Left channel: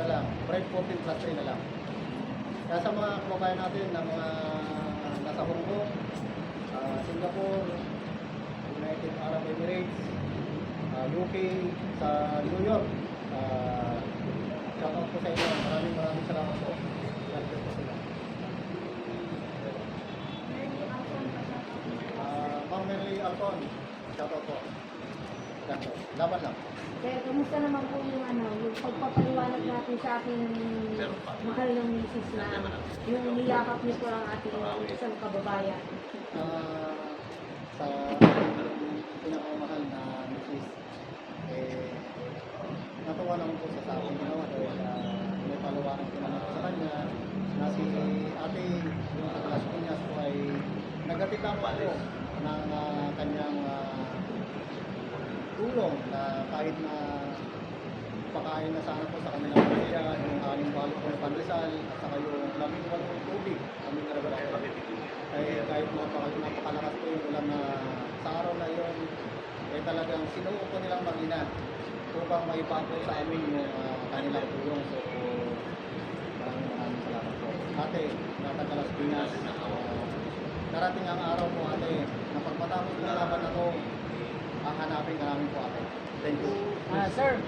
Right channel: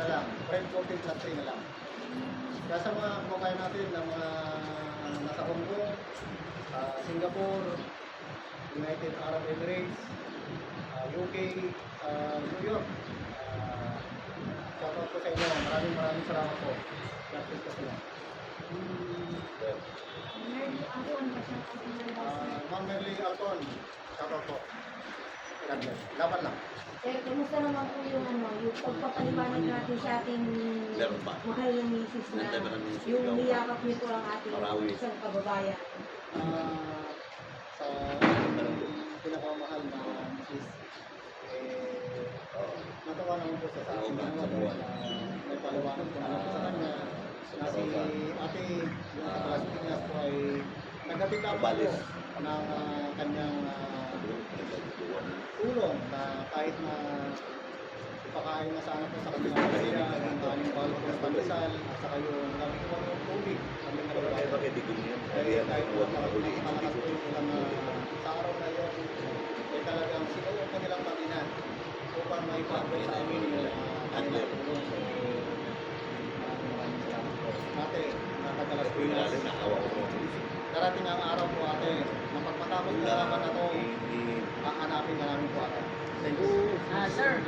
na lang, bread coffee plus 3 na lang. Kaya sa mga kumakain natin na mga nasa Hong Kong, Singapore, United Arab Emirates, UK, sa New York, shout out po sa inyo. Maraming salamat po. God bless po sila. Merly Alcon, pa-shout out mo lang. Ma'am Merly Alcon, shout out po. God bless. Laban lang. Sir, kumusta naman po yung yung pagpapaliwanag natin sa ating mahal ng misis na yung niyakap niyo po ang ating isang kababayan? Sa pinakamahal na misis, natuwa naman po sa aking ginawa dahil may paliwanag ko na lang sa kanya na si ate yung sa Las Piñas po ay naghatid lamang po ng kanyang tulong na kahit na pakain na sana po sa kanilang pamilya, yung 6 balot po na pandesal at saka yung 18 tubig kami narabayan. Ay kahit napakalakas po yung ulan na sa araw na yon, talagang sinuo po nilang mag-ina upang maipapo sa amin yung kanilang tulong. So maraming salamat po. Ate, na taga Las Piñas, darating ang araw po ate, na pagmatapos ng laban na to, hahanapin ka namin po ate. Thank you. Sir,